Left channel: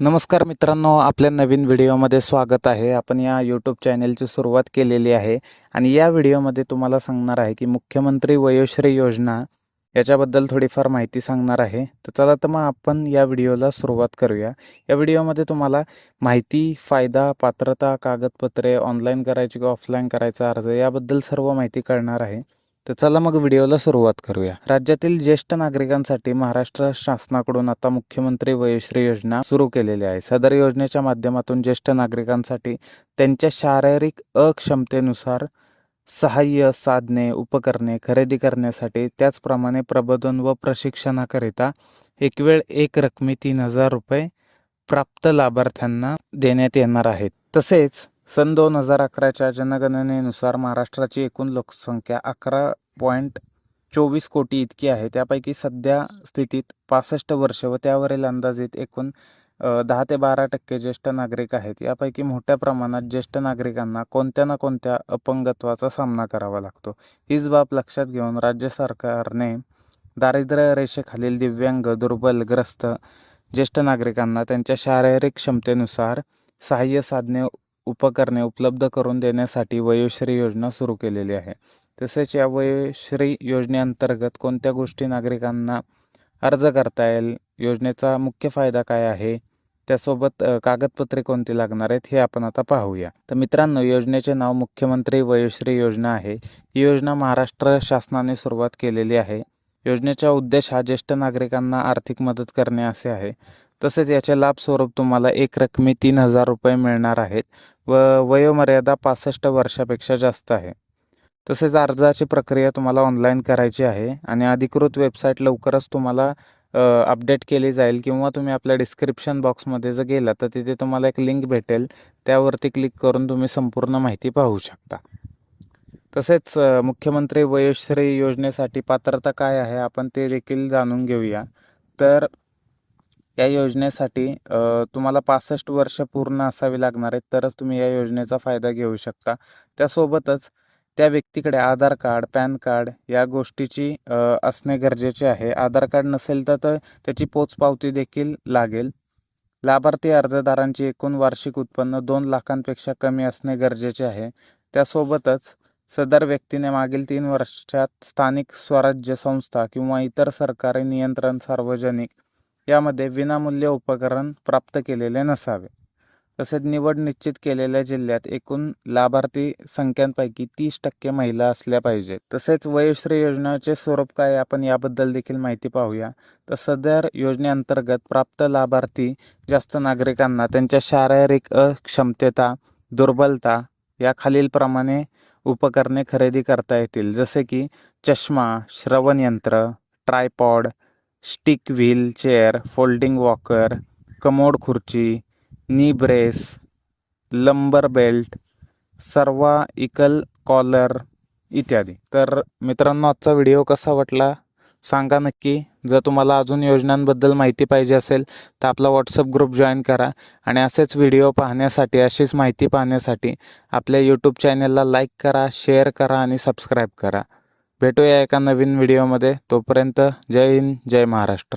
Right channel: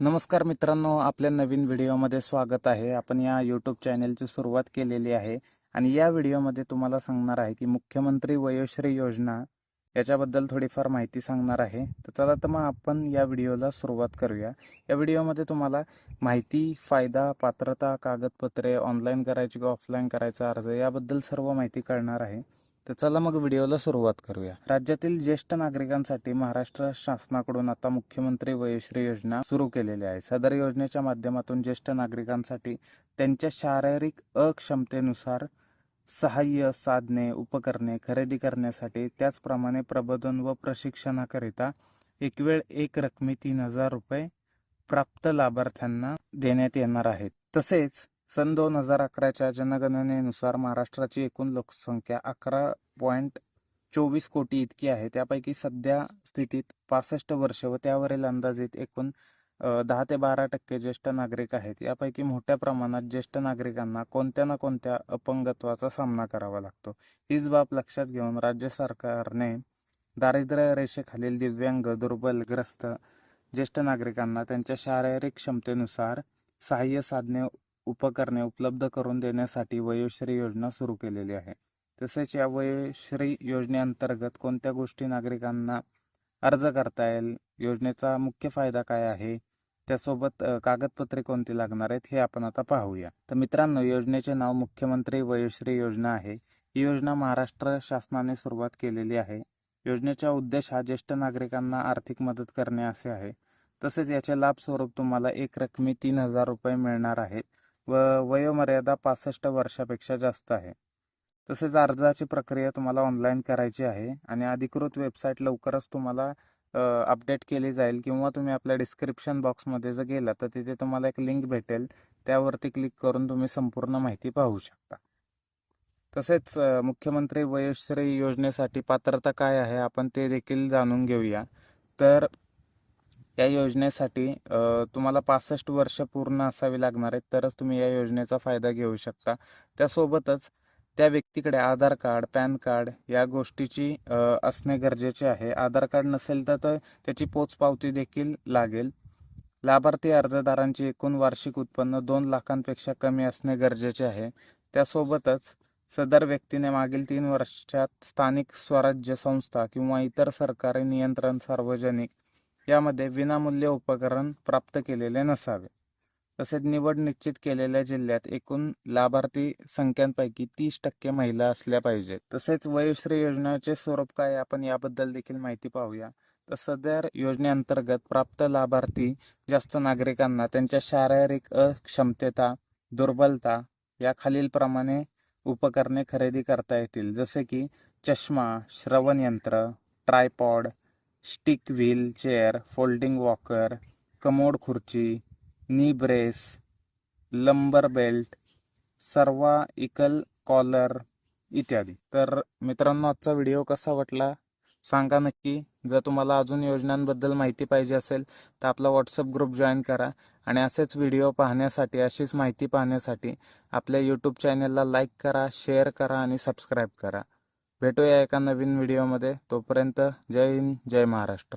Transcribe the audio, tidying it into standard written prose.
नमस्कार मित्रांनो, आपल्या नवीन व्हिडिओमध्ये स्वागत आहे. आपण या यूट्यूब चॅनलची सुरुवात केलेली आहे आणि या व्हिडिओमध्ये तुम्हाला सांगणार आहे की मुख्यमंत्री वयोश्री योजना याच्याबद्दल थोडीफार माहिती सांगणार आहे. तर चला तर मग आपण या व्हिडिओला सुरुवात करूया. या व्हिडिओमध्ये तुम्हाला माहिती, फायदा, पात्रता, कागदपत्रे, ऑनलाईन करायची की ऑफलाईन करायचा अर्ज याबद्दल सर्व माहिती कळणार आहे. तर चला मग व्हिडिओला सुरुवात करूया. राज्यातील ज्येष्ठ नागरिकांसाठी महाराष्ट्र शासनाकडून आता मुख्यमंत्री वयोश्री योजना सुरू केलेली आहे. सदर योजनेच्या माध्यमातून ज्येष्ठ नागरिकांसाठी त्यांच्या शारीरिक अक्षमतेनुसार सहाय्य साधने, उपकरणे खरेदी करण्यासाठी, त्याचप्रमाणे प्रबोधन व प्रशिक्षणाकरिता एक वेळ एक रकमी 3,000 रुपये प्राप्त लाभार्थ्यांना देण्यात येणार आहेत. तसेच सन 2011च्या जनगणनेनुसार महाराष्ट्राची एकूण लोकसंख्या 11.24 कोटी इतकी आहे. त्यापैकी सध्या स्थितीत 65 वर्ष व त्यावरील अंदाजित एकूण 10 ते 12% ज्येष्ठ नागरिक आहेत. यापैकी मोठ्या प्रमाणात ज्येष्ठ नागरिकांना कोणत्या ना कोणत्या अपंगत्वाचा सामना करावा लागतो. हीच बाब लक्षात घेऊन राज्य सरकारने दारिद्र्य रेषेखालील दिव्यांग, दुर्बल, ग्रस्त ज्येष्ठ नागरिकांना त्यांच्या शारीरिक क्षमतेनुसार सहाय्य साधने, उपकरणे उपलब्ध करून देण्यासाठी वयोश्री योजना सुरू केलेली आहे. तसेच या वयोश्री योजनेअंतर्गत कोणत्या गोष्टी नागरिकांना अर्ज करता येईल, योजनेचा मुख्य फायदा काय आहे, त्यासोबत कागदपत्रे कोणती लागणार आहेत हे आपण आता पाहूया. तर मित्रांनो, योजनेचे नाव मुख्यमंत्री वयोश्री योजना आहे. ही योजना महाराष्ट्र शासनाने सुरुवात केलेली आहे. योजनेचा उद्देश हा ज्येष्ठ नागरिकांना आर्थिक मदत करणे असे आहे. तसेच याचे लाभ स्वरूप तुम्हाला एक रकमी 3,000 रुपये मिळणार आहेत व वयोमर्यादा 65 वर्षापेक्षा जास्त आहे. तसेच अर्जाची प्रक्रिया तुम्हाला ऑनलाईन करायची आहे आणि अधिकृत वेबसाईट लवकरच तुम्हाला अपडेट केली जाईल किंवा तुम्ही आपल्या डिस्क्रिप्शन बॉक्समध्ये जर गेला तर तिथे तुम्हाला एक लिंक भेटेल, त्यावरती क्लिक करून तुम्ही संपूर्ण माहिती पाहू शकता. तसेच मुख्यमंत्री वयोश्री योजनेसाठी पात्रता काय आहे आपण ते देखील जाणून घेऊया. तर या योजनेसाठी तुम्हाला 65 वर्ष पूर्ण असावी लागणार आहेत, तरच तुम्ही या योजनेचा फायदा घेऊ शकता. त्यासोबतच त्या व्यक्तीकडे आधार कार्ड, पॅन कार्ड या गोष्टीची असणे गरजेचे आहे. आधार कार्ड नसेल तर त्याची पोचपावती देखील लागेल. लाभार्थी अर्जदारांची एकूण वार्षिक उत्पन्न 2 लाखांपेक्षा कमी असणे गरजेचे आहे. त्यासोबतच सदर व्यक्तीने मागील 3 वर्षात स्थानिक स्वराज्य संस्था किंवा इतर सरकारी नियंत्रण सार्वजनिक यामध्ये विनामूल्य उपकरण प्राप्त केलेले नसावे. तसेच निवड निश्चित केलेल्या जिल्ह्यात एकूण लाभार्थी संख्यांपैकी 30% महिला असल्या पाहिजेत. तसेच वयोश्री योजनेचे स्वरूप काय आपण याबद्दल देखील माहिती पाहूया. तर सदर योजनेअंतर्गत प्राप्त लाभार्थी जास्त नागरिकांना त्यांच्या शारीरिक अक्षमतेता, दुर्बलता या खालीलप्रमाणे उपकरणे खरेदी करता येतील. जसे की चष्मा, श्रवणयंत्र, tripod, stick wheel chair, folding walker, commode खुर्ची, नी ब्रेस, लंबर बेल्ट, सर्वाइकल कॉलर इत्यादी. तर मित्रांनो, आजचा व्हिडिओ कसा वाटला सांगा नक्की. जर तुम्हाला अजून योजनांबद्दल माहिती पाहिजे असेल तर आपला व्हॉट्सअप ग्रुप जॉईन करा आणि असेच व्हिडिओ पाहण्यासाठी, अशीच माहिती पाहण्यासाठी आपल्या यूट्यूब चॅनलला लाईक करा, शेअर करा आणि सबस्क्राईब करा. भेटूया एका नवीन व्हिडिओमध्ये. तोपर्यंत जय हिंद, जय महाराष्ट्र.